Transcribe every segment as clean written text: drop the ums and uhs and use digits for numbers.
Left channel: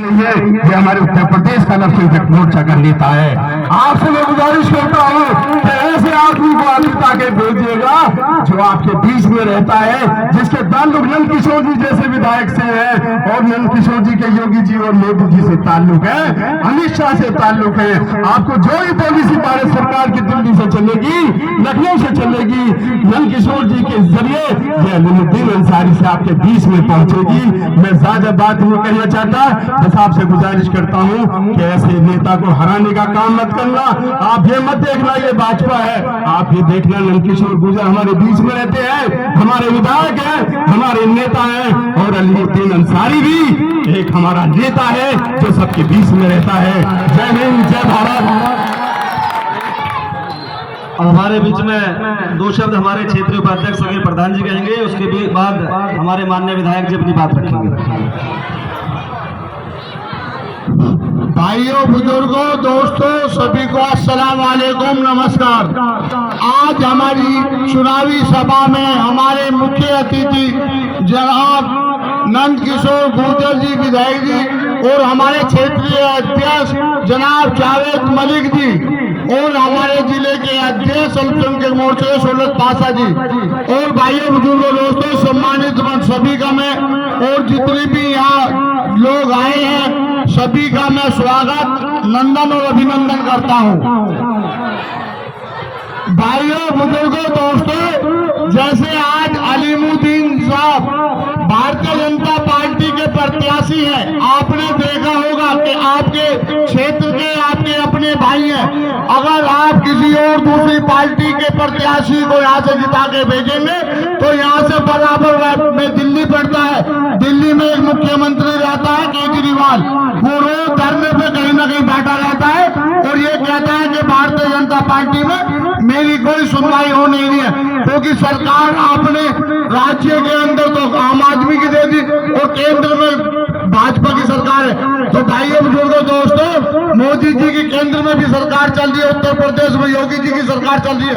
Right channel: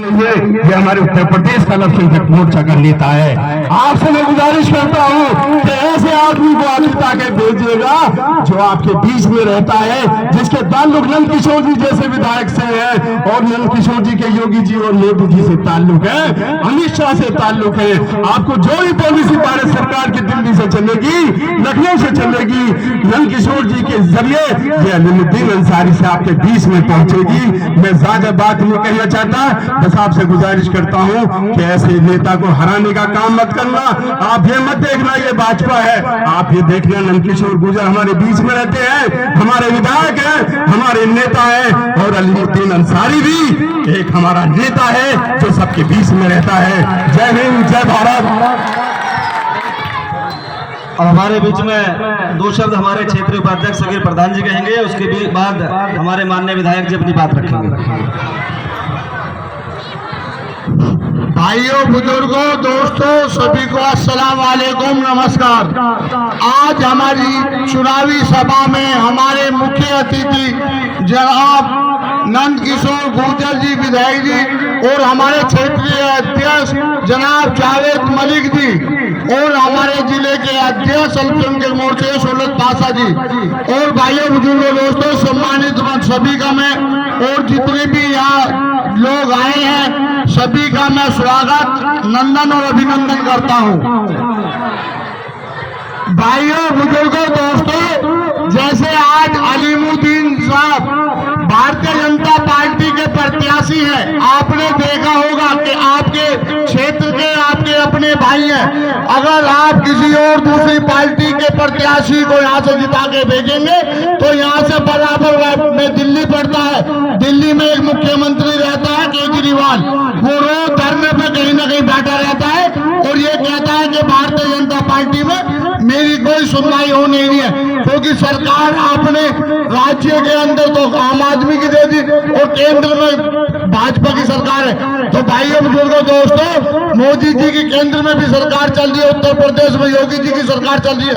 ये हमारे उत्तर प्रदेश का अल्पसंख्यक मोर्चा का नेता है। आपसे मैं गुजारिश करता हूँ कि ऐसे आदमी को आप ताकि भेजिएगा जो आपके बीच में रहता है, जिसके ताल्लुक नंद किशोर जी जैसे विधायक से है और नंद किशोर जी के योगी जी और मोदी जी से ताल्लुक है, अमित शाह से ताल्लुक है। आपको जो भी पॉलिसी भारत सरकार की दिल्ली से चलेगी, लखनऊ से चलेगी, नंद किशोर जी के जरिए ये अलीमुद्दीन अंसारी से आपके बीच में पहुंचेगी। मैं ज्यादा बात नहीं कहना चाहता, बस आपसे गुजारिश करता हूं कि ऐसे नेता को हराने का काम मत करना। आप ये मत देखना ये भाजपा है, आप ये देखना नंद किशोर गुर्जर हमारे बीच में रहते हैं, हमारे विधायक हैं, हमारे नेता हैं, और अलीमुद्दीन अंसारी भी एक हमारा नेता है जो सबके बीच में रहता है। जय हिंद, जय भारत। अब हमारे बीच में दो शब्द हमारे क्षेत्रीय उपाध्यक्ष सगीर प्रधान जी कहेंगे, उसके बाद हमारे माननीय विधायक जी अपनी बात रखेंगे। भाइयों, बुजुर्गों, दोस्तों, सभी को अस्सलाम वालेकुम, नमस्कार। आज हमारी चुनावी सभा में हमारे मुख्य अतिथि जनाब नंद किशोर गुर्जर जी विधायक जी और हमारे क्षेत्रीय अध्यक्ष जनाब जावेद मलिक जी और हमारे जिले के अध्यक्ष अल्पसंख्यक मोर्चे शोलत पासा जी और भाइयों, बुजुर्गों, दोस्तों, सम्मानित सभी का मैं और जितने भी यहाँ लोग आए हैं सभी का मैं स्वागत, नंदन और अभिनंदन करता हूँ। भाइयों, बुजुर्गों, दोस्तों, जैसे आज अलीमुद्दीन साहब भारतीय जनता पार्टी के प्रत्याशी हैं, आपने देखा होगा कि आपके क्षेत्र के आपके अपने भाई हैं। अगर आप किसी और दूसरी पार्टी के प्रत्याशी को यहाँ से जिता के भेजेंगे तो यहाँ से बराबर में दिल्ली पड़ता है, दिल्ली में एक मुख्यमंत्री रहता है केजरीवाल, वो रोज धरने पे कहीं ना कहीं बैठा रहता है और ये कहता है कि भारतीय जनता पार्टी में मेरी कोई सुनवाई हो नहीं रही है, क्योंकि सरकार आपने राज्य के अंदर तो आम आदमी की दे दी और केंद्र में भाजपा की सरकार है। तो भाइयों, बुजुर्गों, दोस्तों, मोदी जी की केंद्र में भी सरकार चल रही है, उत्तर प्रदेश में योगी जी की सरकार चल रही है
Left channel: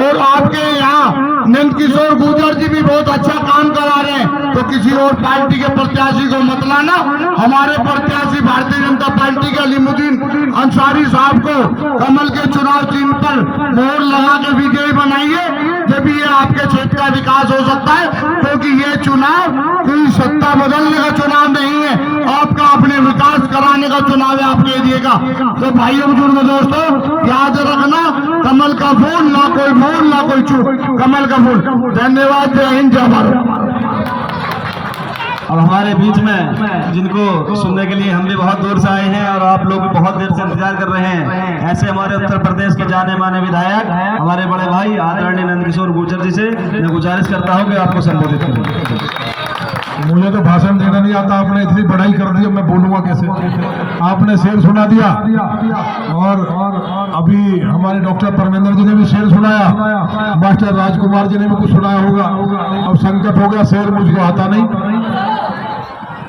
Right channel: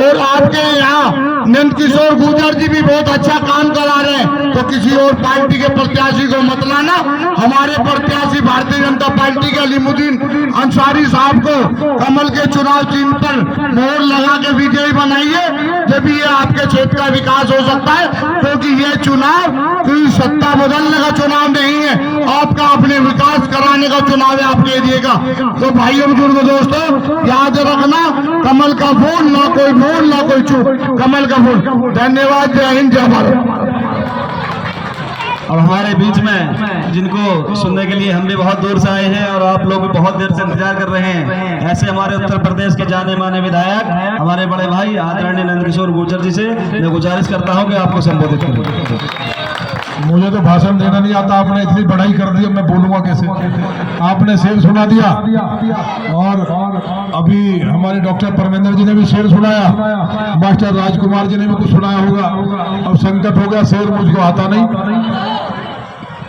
और आपके यहाँ नंद किशोर गुर्जर जी भी बहुत अच्छा काम करा रहे हैं। तो किसी और पार्टी के प्रत्याशी को मत लाना, हमारे प्रत्याशी भारतीय जनता पार्टी के अलीमुद्दीन अंसारी साहब को कमल के चुनाव चिन्ह पर मोहर लगा के विजयी बनाइए, जब ये आपके क्षेत्र का विकास हो सकता है, क्योंकि ये चुनाव कोई सत्ता बदलने का चुनाव नहीं है, आपका अपने विकास कराने का चुनाव है आपके एरिया का। तो भाइयों, बुजुर्गों, दोस्तों, याद रखना, कमल का फूल, ना कोई मोल ना कोई चूक, कमल का फूल। धन्यवाद, जय हिंद, जय भारत। अब हमारे बीच में जिनको सुनने के लिए हम भी बहुत दूर से आए हैं और आप लोग भी बहुत देर से इंतजार कर रहे हैं, ऐसे हमारे उत्तर प्रदेश के जाने माने विधायक हमारे बड़े भाई आदरणीय नंद किशोर गुर्जर जी से मैं गुजारिश करता हूं कि आपको संबोधित करें। मुझे तो भाषण देना नहीं आता, आपने इतनी बड़ाई कर दी, मैं बोलूंगा कैसे? आपने शेर सुना दिया और अभी हमारे डॉक्टर परमेंद्र जी ने भी शेर सुनाया, मास्टर राजकुमार जी ने भी कुछ सुनाया होगा। अब संकट हो गया, शेर मुझको आता नहीं,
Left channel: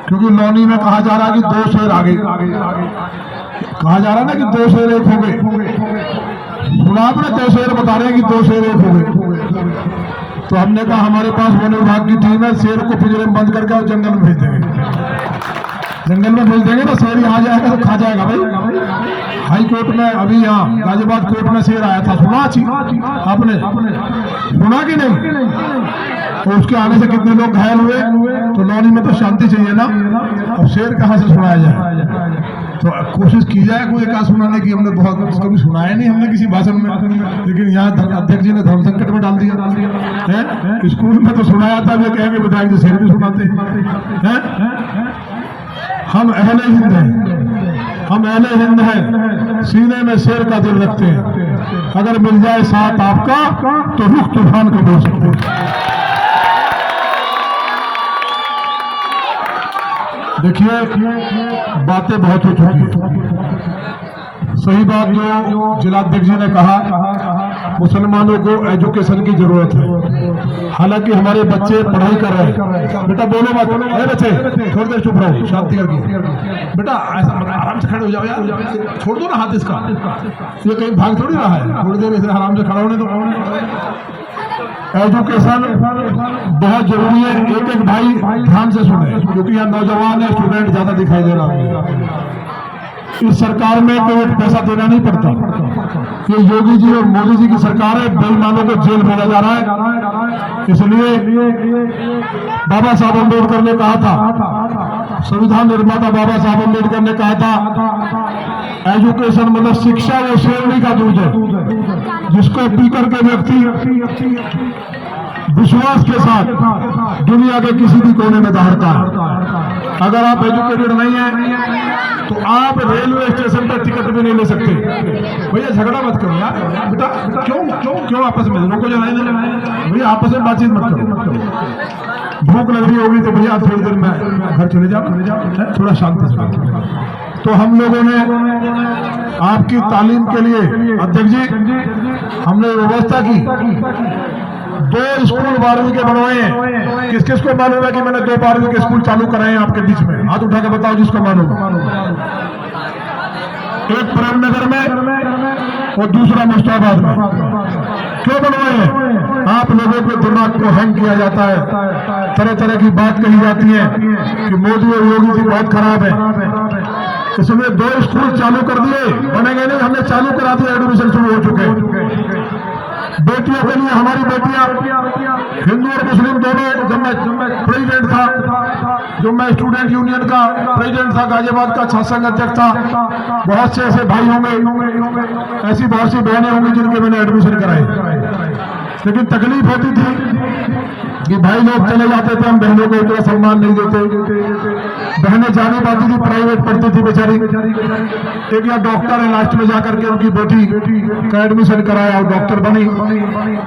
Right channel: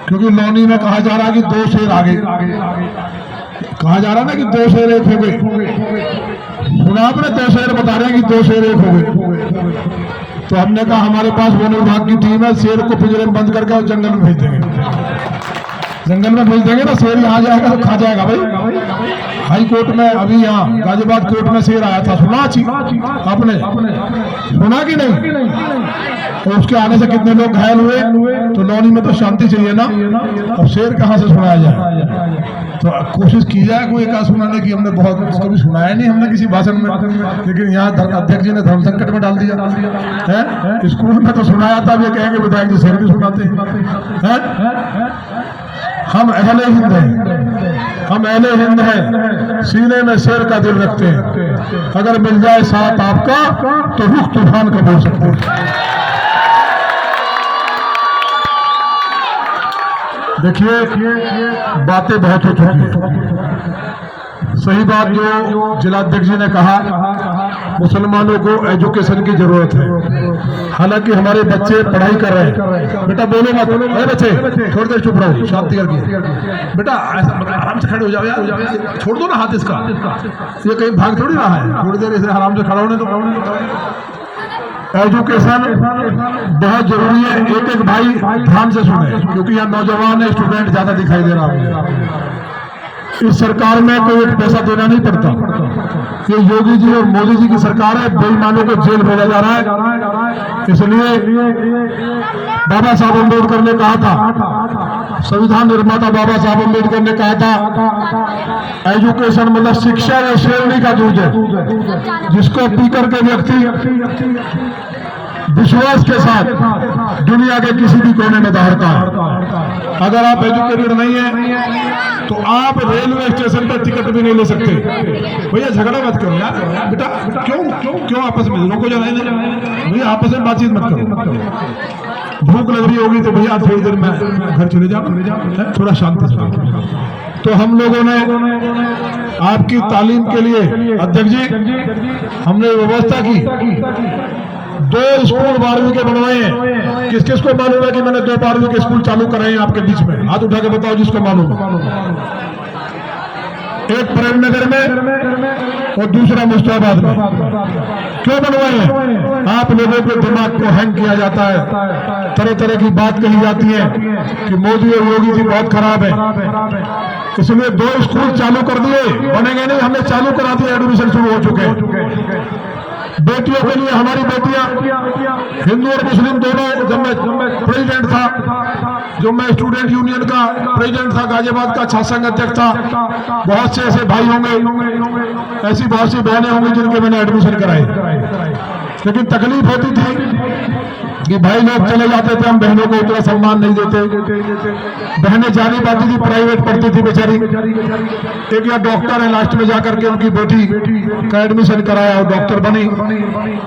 क्योंकि नौनी में कहा जा रहा है कि दो शेर आगे, कहा जा रहा है ना कि दो शेर एक हो गए। सुना आपने? दो शेर बता रहे हैं कि दो शेर एक हो गए। तो हमने कहा हमारे पास वन विभाग की टीम है, शेर को पिंजरे में बंद करके जंगल में भेज देंगे, जंगल में भेज देंगे ना, शेर यहाँ जाएगा तो खा जाएगा। भाई हाई कोर्ट में अभी यहाँ गाजियाबाद कोर्ट में शेर आया था, सुना आपने? सुना कि नहीं? तो उसके आने से कितने लोग घायल हुए। तो नौनी में तो शांति चाहिए ना, और शेर कहाँ से सुनाया जाए? तो कोशिश की जाए कोई एक सुनाने की। हमने बहुत कभी सुनाया नहीं हमने किसी भाषण में, लेकिन यहाँ अध्यक्ष जी ने धर्म संकट में डाल दिया है। स्कूल में तो सुनाया था, वे कहेंगे विधायक जी शेर भी सुनाते हैं। हम अहले हिंद हैं, हम अहले हिंद हैं, सीने में शेर का दिल रखते हैं, अगर मिल जाए साथ आपका तो रुख तूफान का बोल सकते हैं। देखिए, बातें बहुत हो चुकी है। सही बात जो जिलाध्यक्ष जी ने कहा, मुसलमानों को एजुकेशन की जरूरत है। हालांकि हमारे बच्चे पढ़ाई कर रहे हैं। बेटा बोलो मत, अरे बच्चे छोड़ दे, चुप रहो, शांति करके। बेटा ऐसा आराम से खड़े हो जाओ यार, छोड़ दो ना हाथ इसका, ये कहीं भाग थोड़ी रहा है, थोड़ी देर ऐसे आराम से खड़ा होने दो। एजुकेशन बहुत जरूरी है। एक एक भाई ध्यान से सुने, क्योंकि यहाँ नौजवान है, स्टूडेंट ज्यादा दिखाई दे रहा है। इस सरकार में कोई एक पैसा देना नहीं पड़ता। ये योगी जी और मोदी जी की सरकार है, बेईमानों को जेल भेजा जा रहा है। इसलिए बाबा साहब अम्बेडकर ने कहा था, संविधान निर्माता बाबा साहब अम्बेडकर ने कहा था, एजुकेशन मतलब शिक्षा व श्रेणी का दूध है, जिसको पी करके व्यक्ति विश्वास के साथ दुनिया के किसी भी कोने में दौड़ता है। अगर आप एजुकेटेड नहीं है तो आप रेलवे स्टेशन पर टिकट भी नहीं ले सकते। भैया झगड़ा मत करो यार, बेटा क्यों आपस में लोगों को जलाए भैया, आपस में बातचीत मत करो। भूख लग रही होगी तो भैया थोड़ी देर में घर चले जाओ, थोड़ा शांति से। तो हम लोगों ने आपकी तालीम के लिए अध्यक्ष जी हमने व्यवस्था की, 2 स्कूल 12वीं के बनवाए हैं। किस किस को मालूम है कि मैंने 2 12वीं के स्कूल चालू कराए हैं आपके बीच में? हाथ उठा के बताओ जिसको मालूम है। एक प्रेमनगर में और दूसरा मुस्ताबाद में। क्यों बनवाए हैं? आप लोगों के दिमाग को हैंग किया जाता है, तरह तरह की बात कही जाती है कि मोदी और योगी जी बहुत खराब है, इसलिए 2 स्कूल चालू कर दिए। बनेंगे नहीं, हमने चालू करा दिया, एडमिशन शुरू हो चुके हैं। बेटियों के लिए हमारी बेटियां हिंदू और मुस्लिम दोनों, जब मैं प्रेसिडेंट था, जो मैं स्टूडेंट यूनियन का प्रेसिडेंट था, गाजियाबाद का छात्र अध्यक्ष था, बहुत से ऐसे भाई होंगे, ऐसी बहुत सी बहनें होंगी जिनके मैंने एडमिशन कराए। लेकिन तकलीफ होती थी कि भाई लोग चले जाते थे, हम बहनों को उतना सम्मान नहीं देते। बहनें जानी पाती थी, प्राइवेट पढ़ती थी बेचारी। एक या डॉक्टर है, लास्ट में जाकर के उनकी बेटी का एडमिशन कराया, डॉक्टर बनी।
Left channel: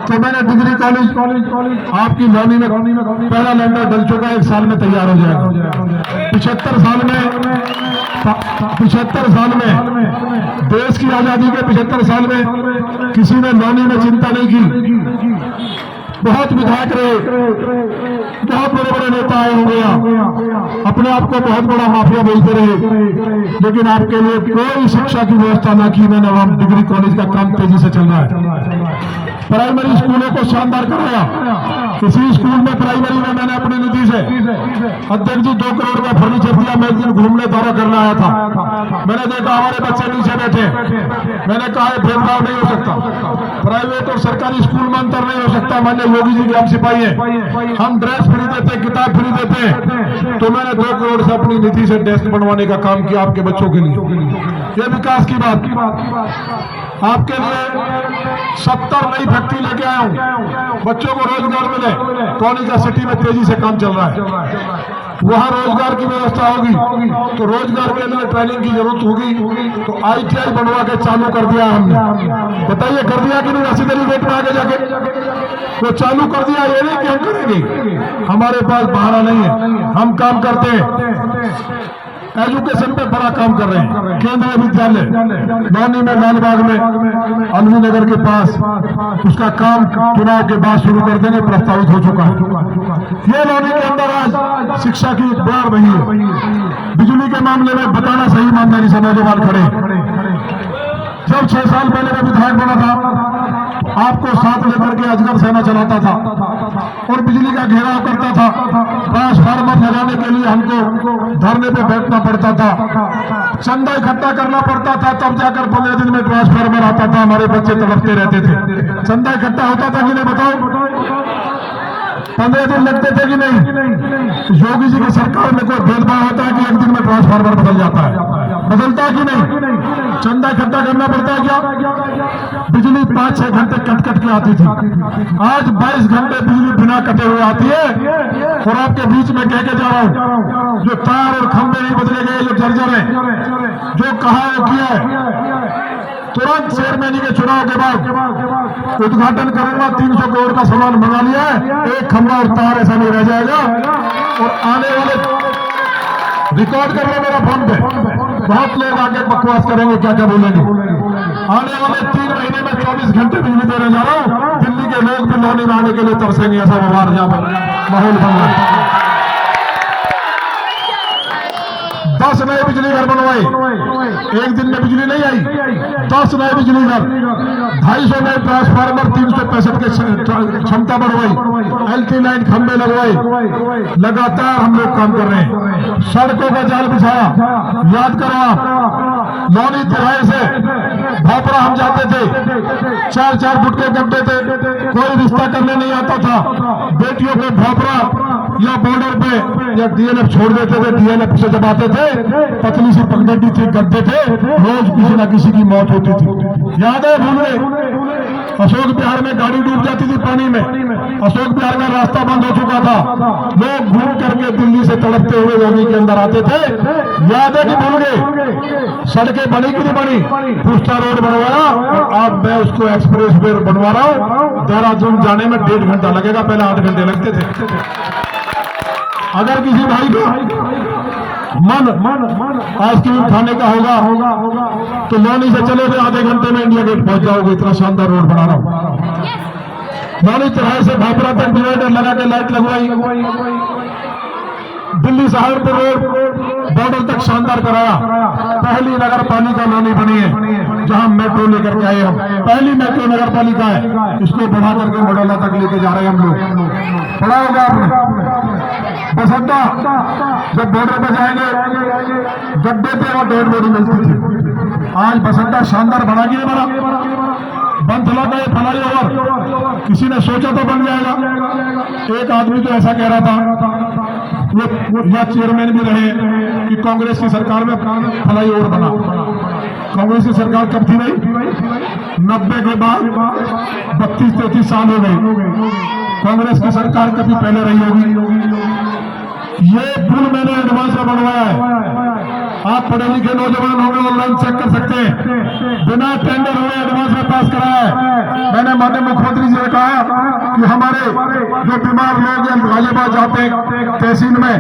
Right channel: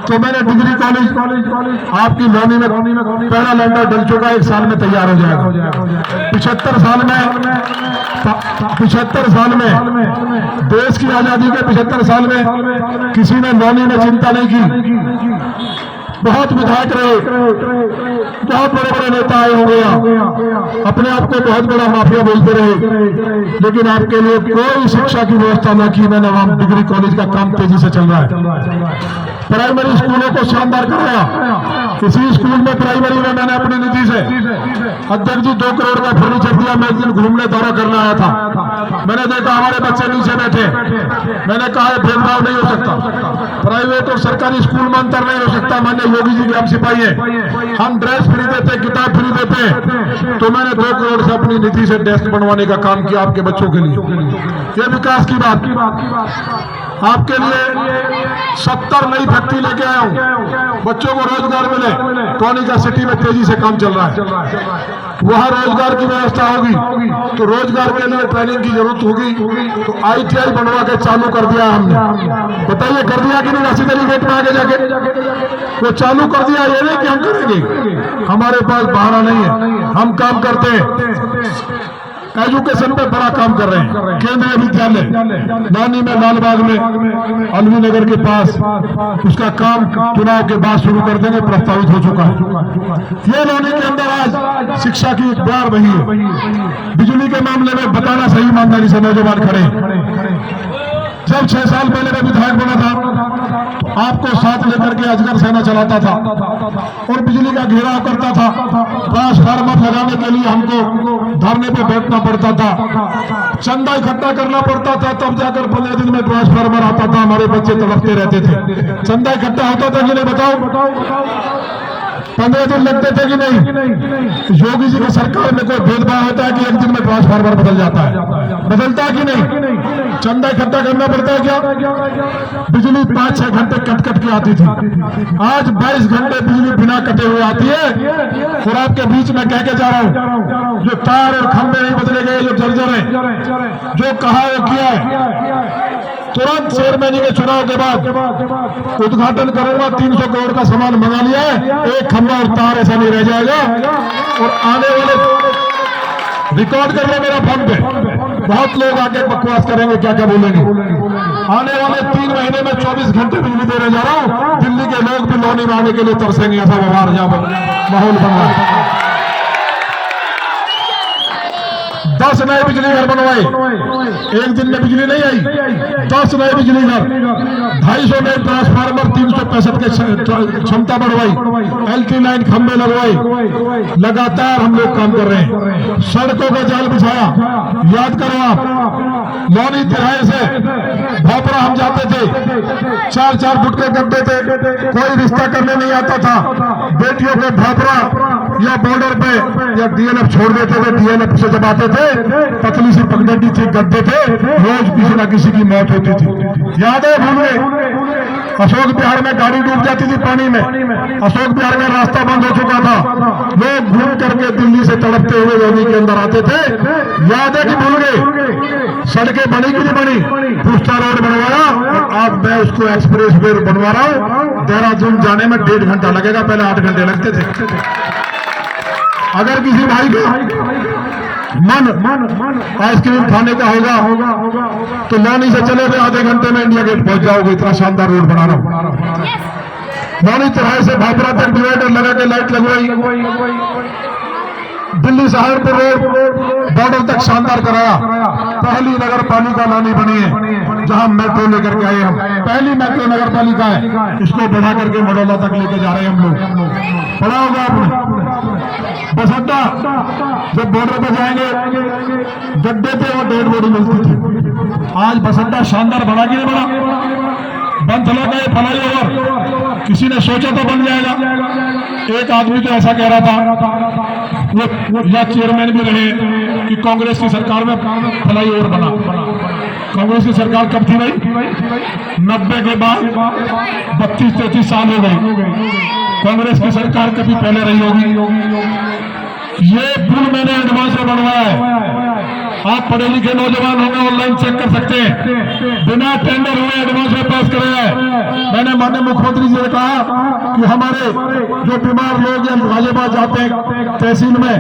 तो मैंने डिग्री कॉलेज आपकी लौनी में पहला लैंडर डल चुका, 1 साल में तैयार हो जाएगा। 75 साल में देश की आजादी के 75 साल में किसी ने लौनी में चिंता नहीं की। बहुत विधायक रहे, बहुत बड़े बड़े नेता आए होंगे, अपने आप को बहुत बड़ा माफिया बोलते रहे, लेकिन आपके लिए कोई शिक्षा की व्यवस्था न की। मैंने वहां डिग्री कॉलेज का काम तेजी से चल रहा है। प्राइमरी स्कूलों को शानदार कराया। इसी स्कूल में प्राइमरी में मैंने अपनी निधि से अध्यक्ष जी 2 करोड़ का फर्नीचर दिया। मैं एक दिन घूमने दौरा करने आया था, मैंने देखा हमारे बच्चे नीचे बैठे। मैंने कहा भेदभाव नहीं हो सकता, प्राइवेट और सरकारी स्कूल में अंतर नहीं हो सकता। मैंने योगी जी के हम सिपाही है, हम ड्रेस फ्री देते, किताब फ्री देते। तो मैंने 2 करोड़ से अपनी निधि से डेस्क बनवाने का काम किया आपके बच्चों के लिए। ये विकास की बात। आपके लिए 70 नई फैक्ट्री लेके आया हूँ, बच्चों को रोजगार मिले। टोनिका सिटी में तेजी से काम चल रहा है, वहाँ रोजगार की व्यवस्था होगी तो रोजगार के लिए ट्रेनिंग की जरूरत होगी, तो ITI बनवा के चालू कर दिया हमने। बताइए कर दिया कि नहीं? ऐसी तरीके में आगे जाके वो चालू कर दिया। ये नहीं कि हम करेंगे, हमारे पास बहाना नहीं है, हम काम करते हैं। एजुकेशन पे बड़ा काम कर रहे हैं। केंद्रीय विद्यालय लौनी में, लालबाग में, अलवी नगर के पास, उसका काम चुनाव के बाद शुरू कर देंगे, प्रस्तावित हो चुका है। ये लौनी के अंदर आज शिक्षा की एक द्वार बही है। बिजली के मामले में बताना सही ईमानदारी से नौजवान खड़े। जब 6 साल पहले मैं विधायक बना था, आपको साथ लेकर के अजगर सेना चलाता था और बिजली का घेराव करता था। ट्रांसफार्मर लगाने के लिए हमको धरने पे बैठना पड़ता था, चंदा इकट्ठा करना पड़ता था, तब जाकर 15 दिन में ट्रांसफार्मर आता था। हमारे बच्चे तड़पते रहते थे। चंदा इकट्ठा होता था कि नहीं बताओ? 15 दिन लगते थे कि नहीं? योगी जी की सरकार में कोई भेदभाव होता है कि एक दिन में ट्रांसफार्मर बदल जाता है? बदलता है कि नहीं? चंदा इकट्ठा करना पड़ता है क्या? बिजली 5-6 घंटे कट कट के आती थी, आज 22 घंटे बिजली बिना कटे हुए आती है। और आपके बीच में कह के जा रहा हूँ, जो तार और खंभे नहीं बदले गए, जो जर्जर है, जो कहा वो किया है। तुरंत चेयरमैन के चुनाव के बाद उद्घाटन करूंगा, 300 करोड़ का सामान मंगा लिया है, एक खंभा और तार ऐसा नहीं रह जाएगा। और आने वाले रिकॉर्ड कर लो मेरा फोन पे, बहुत लोग आगे बकवास करेंगे, क्या क्या बोलेंगे। आने वाले 3 महीने में 24 घंटे बिजली देने जा रहा हूँ। दिल्ली के लोग भी लौनी में आने के लिए तरसेंगे, ऐसा व्यवहार जहाँ माहौल बन रहा है। 10 नए बिजली घर बनवाए, एक दिन में बिजली नहीं आई, 10 नए बिजली घर, 250 नए ट्रांसफार्मर, 365 के क्षमता बढ़वाई, LT लाइन खंभे लगवाए। लगातार हम लोग काम कर रहे हैं। सड़कों का जाल बिछाया। याद करो आप, लौनी तिराहे से भापरा हम जाते थे, 4-4 फुट के गड्ढे थे, कोई रिश्ता करने नहीं आता था। बेटियों के भापरा या बॉर्डर पे या DLF छोड़ देते थे। DLF से जब आते थे, पतली सी पगडंडी थी, गड्ढे थे, रोज किसी ना किसी की मौत होती थी। याद है भूल गए? अशोक बिहार में गाड़ी डूब जाती थी पानी में। अशोक बिहार में रास्ता बंद हो चुका था, लोग घूम करके दिल्ली से तड़पते हुए योगी के अंदर आते थे। याद है कि भूल गए? सड़कें बनी कि नहीं बनी? पुष्टा रोड बनवाया और अब मैं उसको एक्सप्रेस वे बनवा रहा हूँ। देहरादून जाने में 1.5 घंटा लगेगा, पहले 8 घंटे लगते थे। अगर किसी भाई को मन आइसक्रीम खाने का होगा तो लौनी से चलोगे, आधे घंटे में इंडिया गेट पहुंच जाओगे। इतना शानदार रोड बना रहा हूं। लौनी तिराहे से भापरा तक डिवाइडर लगा के लाइट लगवाई। दिल्ली सहारनपुर रोड बॉर्डर तक शानदार कराया। पहली नगर पालिका लौनी बनी है जहां मेट्रो लेकर के आए हम। पहली मेट्रो नगर पालिका है, इसको बढ़ा करके मडौला तक लेके जा रहे हैं हम लोग। पढ़ा होगा आपने बस अड्डा, जब बॉर्डर पर जाएंगे गड्ढे पे और डेड बॉडी मिलती थी। आज बस अड्डा शानदार बना के बना। बनथला का ये फ्लाई ओवर किसी ने सोचा तो बन जाएगा। एक आदमी तो ऐसा कह रहा था, वो या चेयरमैन भी रहे, कि कांग्रेस की सरकार में फ्लाई ओवर बना। कांग्रेस की सरकार कब थी भाई? 90 के बाद 32-33 साल हो गए। कांग्रेस की सरकार कभी पहले रही होगी। ये पुल मैंने एडवांस में बनवाया है। आप पढ़े लिखे नौजवान होंगे, ऑनलाइन चेक कर सकते हैं। बिना टेंडर हुए एडवांस में पास कराया है। मैंने माननीय मुख्यमंत्री जी ने कहा कि हमारे जो बीमार लोग या गाजियाबाद जाते हैं तहसील में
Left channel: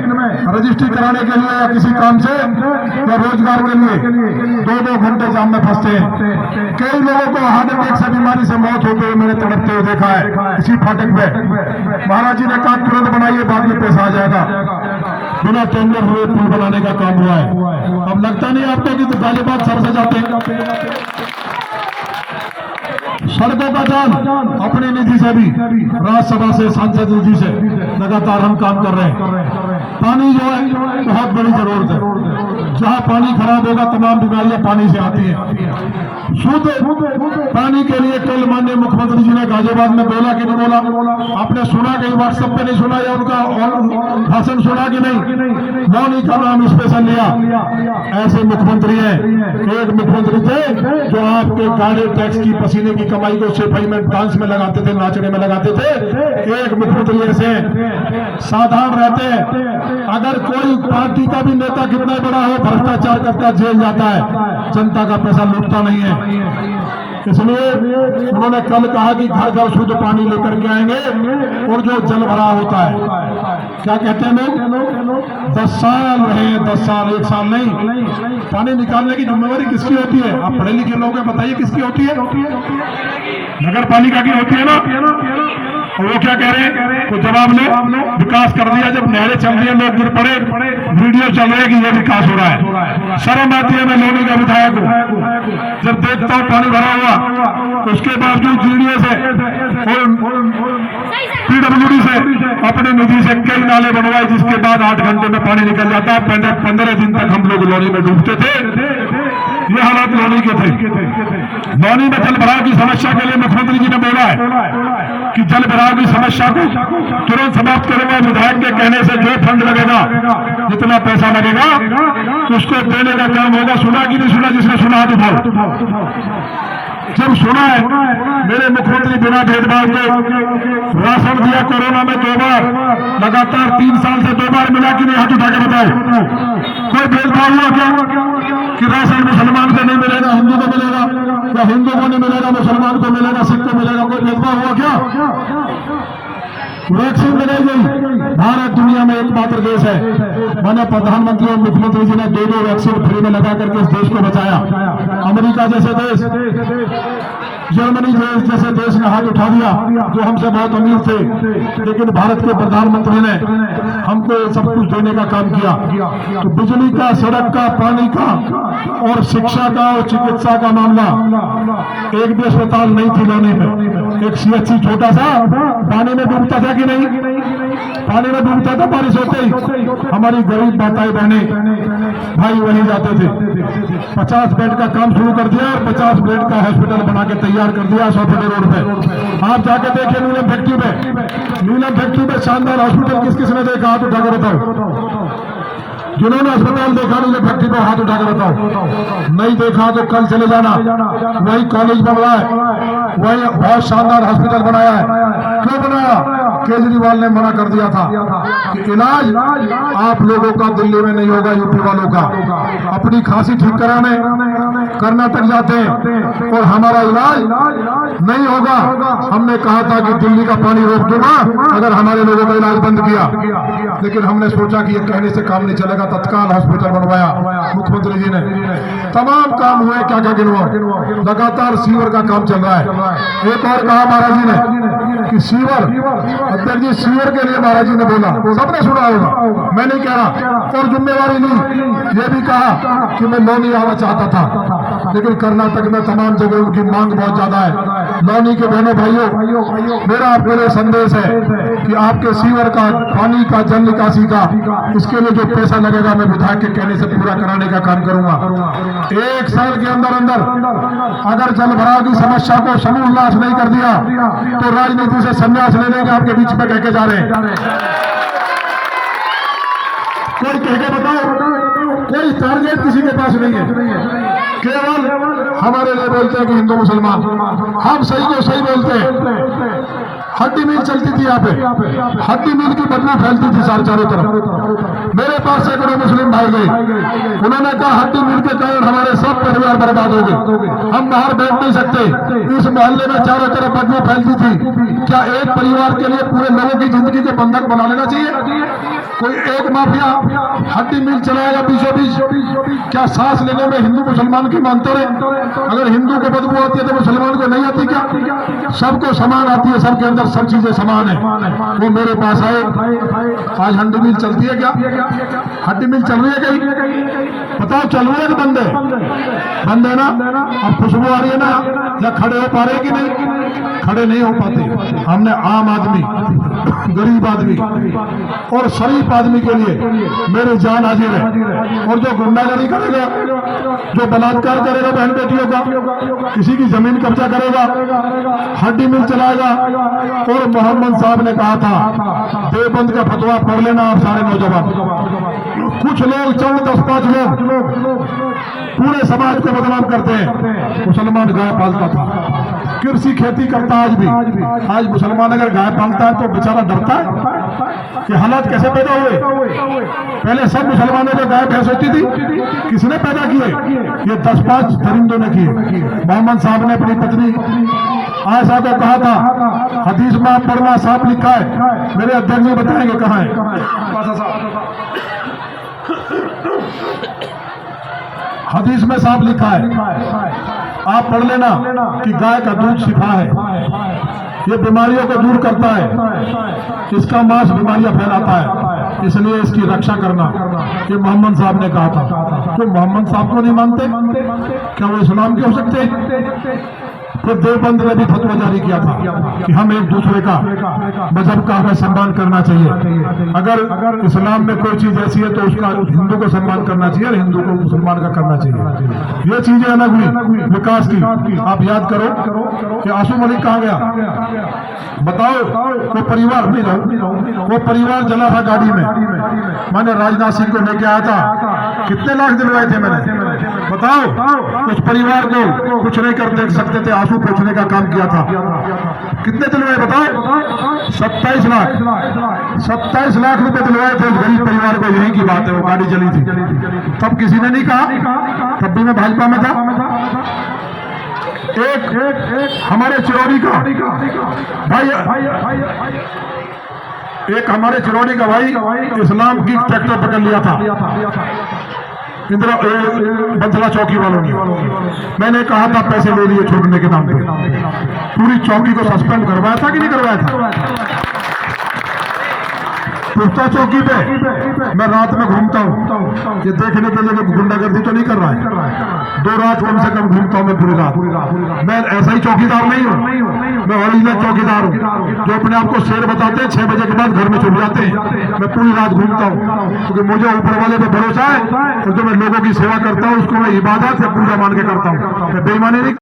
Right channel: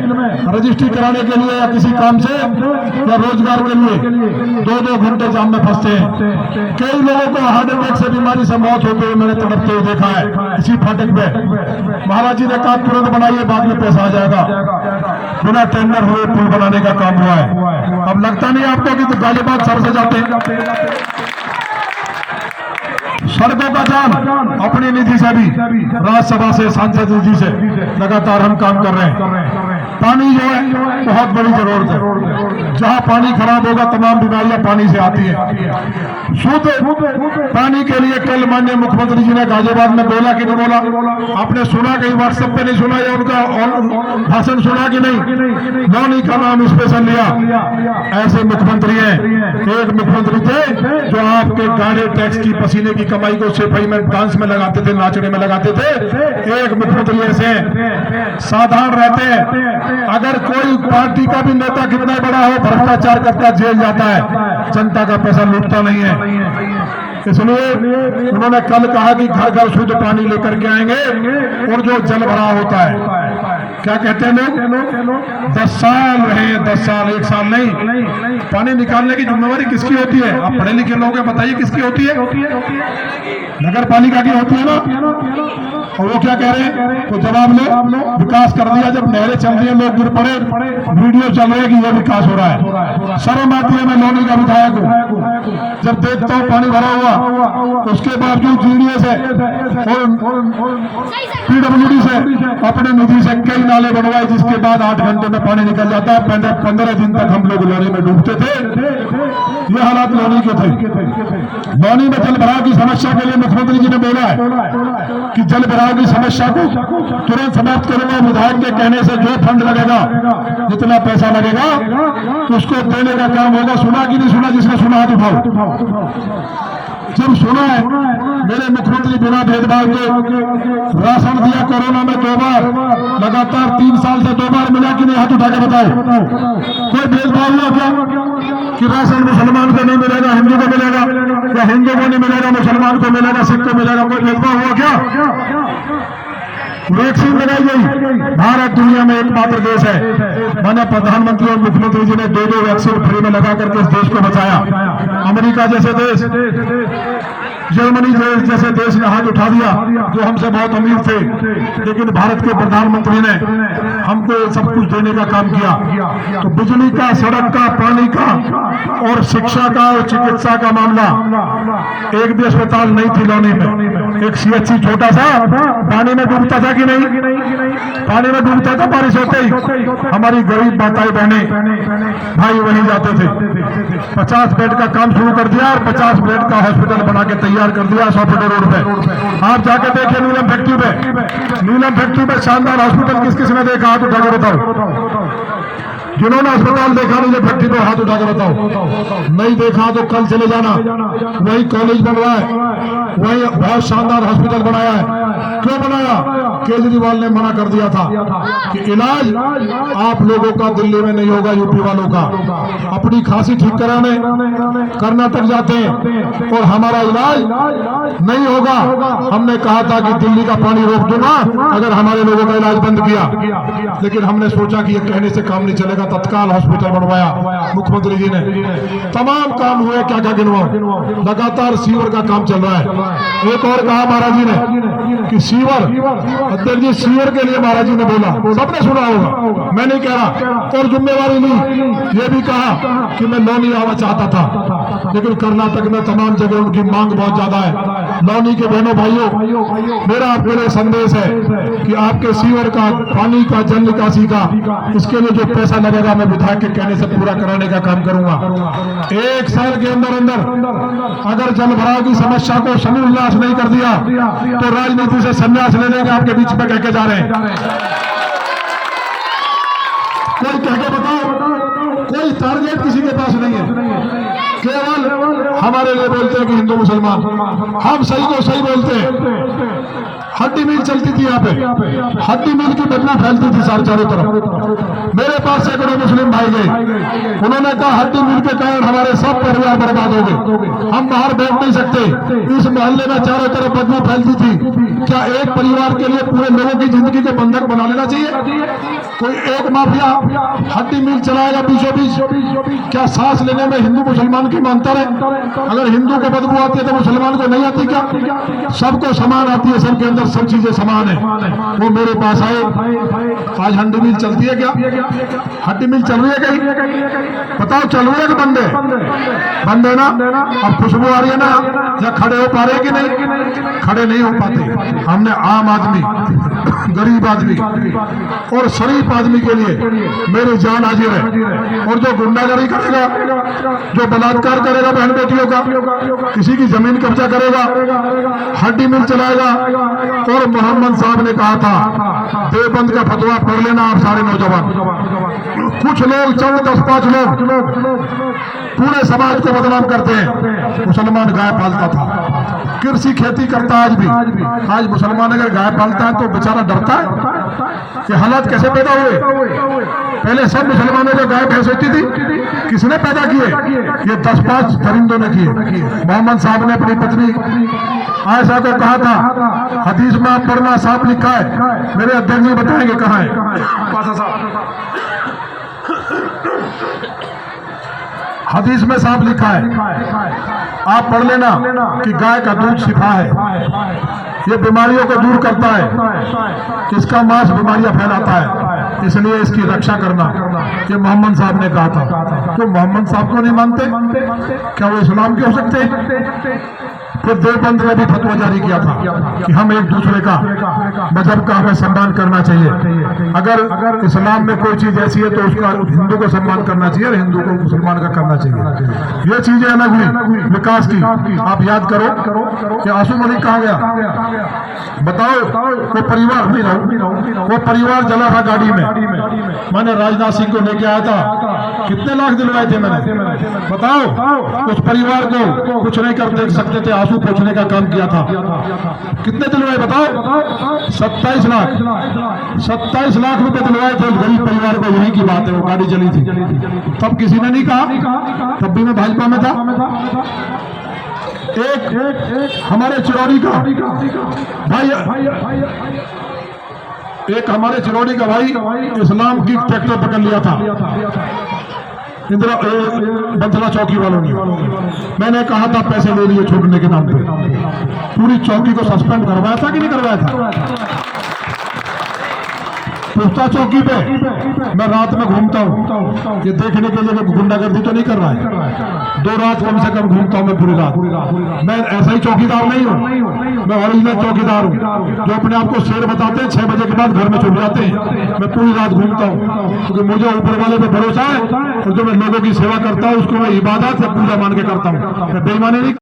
रजिस्ट्री कराने के लिए या किसी काम से या रोजगार के लिए 2-2 घंटे जाम में फंसते हैं। कई लोगों को हार्ट अटैक से बीमारी से मौत होते हुए मैंने तड़पते हुए देखा है इसी फाटक पे। महाराज जी ने कहा तुरंत बनाइए, बाद में पैसा आ जाएगा। बिना टेंडर हुए पुल बनाने का काम हुआ है। अब लगता नहीं आपको कि तो गाजियाबाद सर से जाते हैं। सड़कों का जाम अपनी निधि से भी, राज्यसभा से, सांसद निधि से लगातार हम काम कर रहे हैं। पानी जो है बहुत बड़ी जरूरत है। जहाँ पानी खराब होगा तमाम बीमारियां पानी से आती हैं। शुद्ध पानी के लिए कल माननीय मुख्यमंत्री जी ने गाजियाबाद में बोला कि नहीं बोला? आपने सुना, कहीं व्हाट्सएप पे नहीं सुना या उनका भाषण सुना कि नहीं? लौनी का नाम स्पेशल लिया। ऐसे मुख्यमंत्री हैं। एक मुख्यमंत्री थे जो आपके गाड़ी टैक्स की पसीने की कमाई को सफाई में, डांस में लगाते थे, नाचने में लगाते थे। एक मुख्यमंत्री ऐसे साधारण रहते हैं। अगर कोई पार्टी का भी नेता कितना बड़ा हो, भ्रष्टाचार करता जेल जाता है, जनता का पैसा लूटता नहीं है। इसलिए उन्होंने कल कहा कि घर घर शुद्ध पानी लेकर के आएंगे। और जो जल भराव होता है, क्या कहते हैं लोग, 10 साल रहे, 10 साल, 1 साल नहीं। पानी निकालने की जिम्मेवारी किसकी होती है? आप पढ़े लिखे लोग हैं, बताइए किसकी होती है? नगर पालिका की होती है ना। और वो क्या कह रहे हैं? तो जवाब लो, विकास कर दिया। जब नहरें चल रही है, लोग गिर पड़े, वीडियो चल रहे कि ये विकास हो रहा है। शर्म आती है मैं लौनी का विधायक को जब देखता हूँ पानी भरा हुआ, उसके बावजूद जीडीए से और PWD से अपनी निधि से कई नाले बनवाए, जिसके बाद 8 घंटे में पानी निकल जाता। 15 दिन तक हम लोग लौनी में डूबते थे। ये हालात लौनी के थे। लौनी में जल भराव की समस्या के लिए मुख्यमंत्री जी ने बोला है कि जल भराव की समस्या को तुरंत समाप्त करूंगा। विधायक के कहने से जो फंड लगेगा, जितना पैसा लगेगा, उसको देने का काम होगा। सुना कि नहीं सुना? जिसने सुना तो उठाओ। जब सुना है, मेरे मुख्यमंत्री बिना भेदभाव के राशन दिया कोरोना में 2 बार, लगातार 3 साल से 2 बार मिला कि नहीं? हाथ उठा के बताओ। कोई भेदभाव हुआ क्या कि राशन मुसलमान को नहीं मिलेगा, हिंदू को मिलेगा, या हिंदू को नहीं मिलेगा मुसलमान को मिलेगा, सिख को मिलेगा? कोई भेदभाव हुआ क्या? वैक्सीन लगाई गई। भारत दुनिया में एकमात्र देश है। मैंने प्रधानमंत्री और मुख्यमंत्री जी ने 2-2 वैक्सीन फ्री में लगा करके इस देश को बचाया। अमेरिका जैसे देश जर्मनी जैसे देश ने हाथ उठा दिया, जो हमसे बहुत अमीर थे, लेकिन भारत के प्रधानमंत्री ने हमको सब कुछ देने का काम किया। तो बिजली का, सड़क का, पानी का और शिक्षा का और चिकित्सा का मामला, एक भी अस्पताल नहीं थी लौनी में। एक CHC छोटा सा पानी में डूबता था कि नहीं? पानी में डूबता था बारिश होते ही। हमारी गरीब माताएं बहनें भाई वहीं जाते थे। 50 बेड का काम शुरू कर दिया और 50 बेड का हॉस्पिटल बना के तैयार कर दिया 100 फुट रोड पे। आप जाके देखिए नीलम फैक्ट्री पे, नीलम फैक्ट्री पे शानदार हॉस्पिटल किस किस ने देखा? हाथ उठा के बताओ। जिन्होंने अस्पताल देखा नहीं, फैक्ट्री पे हाथ उठा के बताओ। नहीं देखा तो कल चले जाना। वही कॉलेज बनवाया है, वही बहुत शानदार हॉस्पिटल बनाया है। क्यों बनाया? केजरीवाल ने मना कर दिया था कि इलाज आप लोगों का दिल्ली में नहीं होगा, यूपी वालों का। अपनी खांसी ठीक कराने कर्नाटक जाते हैं और हमारा इलाज नहीं होगा। हमने कहा था कि दिल्ली का पानी रोक दूंगा अगर हमारे लोगों का इलाज बंद किया, लेकिन हमने सोचा कि ये कहने से काम नहीं चलेगा। तत्काल हॉस्पिटल बनवाया मुख्यमंत्री जी ने। तमाम काम हुए, क्या क्या गिनवाओ। लगातार सीवर का काम चल रहा है। एक और कहा महाराज जी ने कि सीवर, अध्यक्ष जी सीवर के लिए महाराज जी ने बोला, सबने सुना होगा, मैं नहीं कह रहा, और जिम्मेवारी ली। ये भी कहा कि मैं लौनी आना चाहता था, लेकिन कर्नाटक में तमाम जगह उनकी मांग बहुत ज्यादा है। लौनी के बहनों भाइयों, मेरा आपके लिए संदेश है कि आपके सीवर का, पानी का, जल निकासी का, इसके लिए जो पैसा लगेगा मैं विधायक के कहने से पूरा कराने का काम करूंगा। 1 साल के अंदर अंदर अगर जल भराव की समस्या को समूल नाश नहीं कर दिया तो राजनीति से संन्यास ले लेंगे। आपके बीच में कह के जा रहे हैं। कोई कह के बताओ, कोई टारगेट किसी के पास नहीं है। केवल हमारे लिए बोलते हैं कि हिंदू मुसलमान, हम सही को सही बोलते हैं। हड्डी मील चलती थी यहाँ पे, हड्डी मील की बदबू फैलती थी चारों तरफ। मेरे पास सैकड़ों मुस्लिम भाई गए, उन्होंने कहा हड्डी मील के कारण हमारे सब परिवार बर्बाद हो गए, हम बाहर बैठ नहीं सकते। इस मोहल्ले में चारों तरफ बदबू फैलती थी। क्या एक परिवार के लिए पूरे लोगों की जिंदगी के बंधक बना लेना चाहिए? कोई एक माफिया हड्डी मील चलाएगा बीचों बीच। क्या सांस लेने में हिंदू मुसलमान की अंतर है? अगर हिंदू को बदबू आती है तो मुसलमान को नहीं आती क्या? सबको समान आती है, सबके अंदर सब चीजें समान है। वो मेरे पास आए, आज हड्डी मिल चलती है क्या? हड्डी मिल चल रही है कहीं? बताओ, चल रही है कि बंद है? बंद है ना? अब खुशबू आ रही है ना? या खड़े हो पा रहे कि नहीं? खड़े नहीं हो पाते। हमने आम आदमी, गरीब आदमी और शरीफ आदमी के लिए मेरी जान हाजिर है। और जो गुंडागर्दी करेगा, जो बलात्कार करेगा बहन बेटियों का, किसी की जमीन कब्जा करेगा, हड्डी मिल चलाएगा। और मोहम्मद साहब ने कहा था, देवबंद का फतवा पढ़ लेना आप सारे नौजवान। कुछ लोग, चंद 10-5 लोग पूरे समाज को बदनाम करते हैं। मुसलमान गाय पालता था, कृषि खेती करता है आज भी। आज मुसलमान अगर गाय पालता है तो बेचारा डरता है। ये हालात कैसे पैदा हुए? पहले सब मुसलमानों को गाय भैंस होती थी, किसने पैदा किए? ये 10-5 दरिंदों ने किए। मोहम्मद साहब ने अपनी पत्नी आयशा को कहा था, हदीस में आप पढ़ना, साफ लिखा है। मेरे अध्यक्ष जी बताएंगे कहाँ है। हदीस में साफ लिखा है, आप पढ़ लेना कि गाय का दूध शिफा है, ये बीमारियों को दूर करता है, इसका मांस बीमारियां फैलाता है, इसलिए इसकी रक्षा करना। ये मोहम्मद साहब ने कहा था। तो मोहम्मद साहब को नहीं मानते? क्या वो इस्लाम के हो सकते हैं? फिर देवबंद ने भी फतवा जारी किया था कि हम एक दूसरे का, मजहब का हमें सम्मान करना चाहिए। अगर इस्लाम में कोई चीज ऐसी है तो उसका हिंदू को सम्मान करना चाहिए और हिंदू को मुसलमान का करना चाहिए। ये चीजें अलग हुई विकास की। आप याद करो कि आसू मलिक कहाँ गया? बताओ, वो परिवार नहीं रहो, वो परिवार जला था गाड़ी में। मैंने राजनाथ सिंह को लेके आया था, कितने लाख दिलवाए थे मैंने? बताओ, उस परिवार को कुछ नहीं कर सकते थे, आंसू पोंछने का काम किया था। कितने दिलवाए बताओ? 27 लाख। 27 लाख रुपए दिलवाए थे उस गरीब परिवार को। यही की बात है, वो गाड़ी चली थी। तब किसी ने नहीं कहा, तब भी मैं भाजपा में था। एक हमारे चिरौरी का भाई, एक हमारे चिरौरी का भाई इस्लाम की ट्रैक्टर पकड़ लिया था। इंदिरा बंथला चौकी वालों ने, मैंने कहा था पैसे ले लिए छोड़ने के नाम पे, पूरी चौकी को सस्पेंड करवाया था कि नहीं करवाया था? पुख्ता चौकी पे मैं रात में घूमता हूँ, ये देखने के लिए गुंडागर्दी तो नहीं कर रहा है। 2 रात कम से कम घूमता हूँ मैं पूरी रात। मैं ऐसा ही चौकीदार नहीं हूँ, मैं ओरिजिनल चौकीदार हूँ जो अपने आप को शेर बताते हैं, 6 बजे के बाद घर में छुप जाते हैं। मैं पूरी रात घूमता हूँ क्योंकि मुझे ऊपर वाले पे भरोसा है और जो मैं लोगों की सेवा करता हूँ उसको मैं इबादत या पूजा मान के करता हूँ, मैं बेईमानी नहीं